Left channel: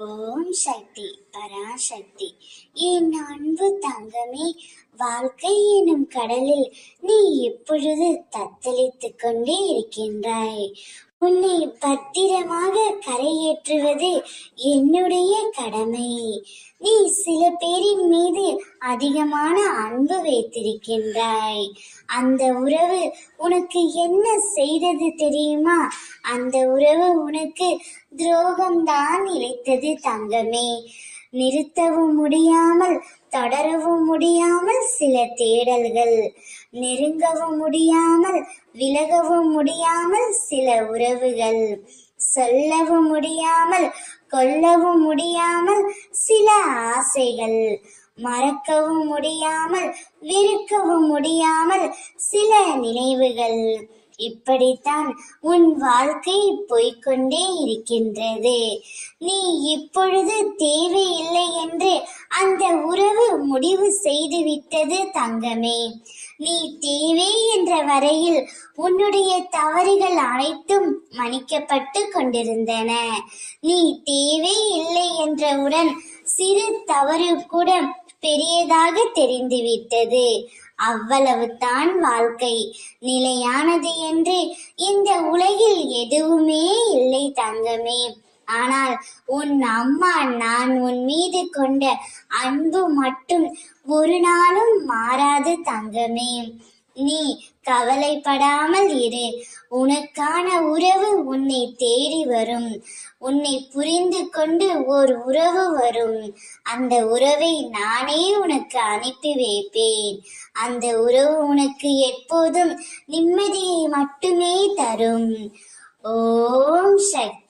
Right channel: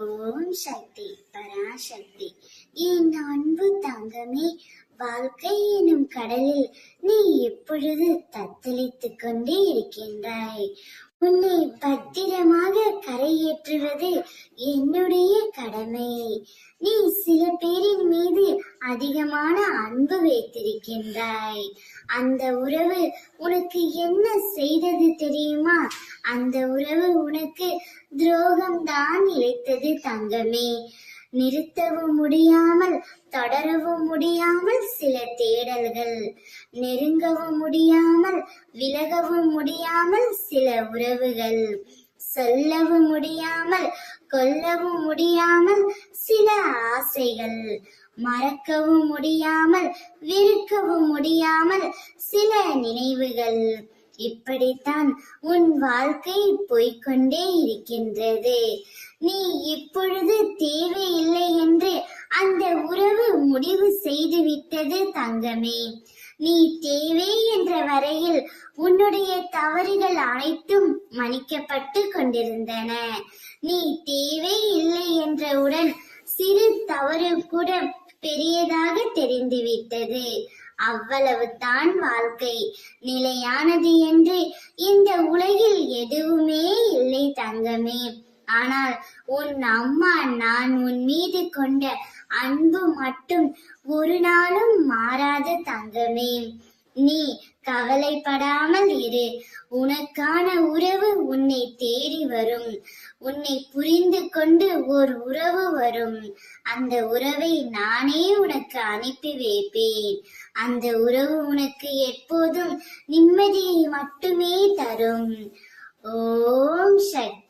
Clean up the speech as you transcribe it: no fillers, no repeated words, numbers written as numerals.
ஓம் சக்தி பராசக்தி. என் அன்பு தங்கமே, வாழ்க்கை எனும் கடலில் நீ எப்பொழுது தத்தளித்துக் கொண்டே இருக்கின்றாய். உன்னை பத்திரமாக கரையேற்றுவது என்னுடைய கடமை. நீ சில பேரின் மீது அதிகமான அன்பு வைத்திருக்கின்றாய். அந்த உறவு உனக்கு என்ன செய்தது தெரியுமா? அந்த உறவு உனக்கு துரோகம்தான் இழைத்தது தங்கமே. நிறுத்தவும் முடியாமல் தொடரவும் முடியாமல் சில தேடல்கள், நெருங்கவும் முடியாமல் விலகவும் முடியாமல் சில உறவுகள், சொல்லவும் முடியாமல் கொல்லவும் முடியாமல் சில ஆசைகள், மறக்கவும் முடியாமல் வெறுக்கவும் முடியாமல் சில நினைவுகள். இப்படித்தான் உன் வாழ்க்கை போய்கொண்டே இருக்கின்றது. நீ இப்பொழுது தேவையில்லை என்று அந்த உறவு முடிவு செய்துவிட்டது தங்கமே. நீ தேவை என்ற வரையில் உன்னுடைய தவறுகள் அனைத்தும் மன்னிக்கப்பட்டு கொண்டிருந்தன. நீ தேவை இல்லை என்றவுடன் சிறு தவறு கூட பெரியதாக தெரிந்துவிட்டது. அவ்வளவுதான் வாழ்க்கை. நிலையானது என்று இந்த உலகில் எதுவுமே இல்லை தங்கமே. ஆனால் உன் அம்மா நான் உன் மீது கொண்ட அன்பு மட்டும் ஒரு நாளும் மாறாது தங்கமே. நீ கவலைப்படாமல் இரு. உனக்கான உறவு உன்னை தேடி வரும். உன்னை புரிந்து கொண்டு ஒரு உறவு வரும். அந்த உறவை நானே உனக்கு அனுப்பி வைப்பேன். அந்த உறவு உனக்கு எப்போதும் நிம்மதியை மட்டுமே தரும். ஓம் சக்தி.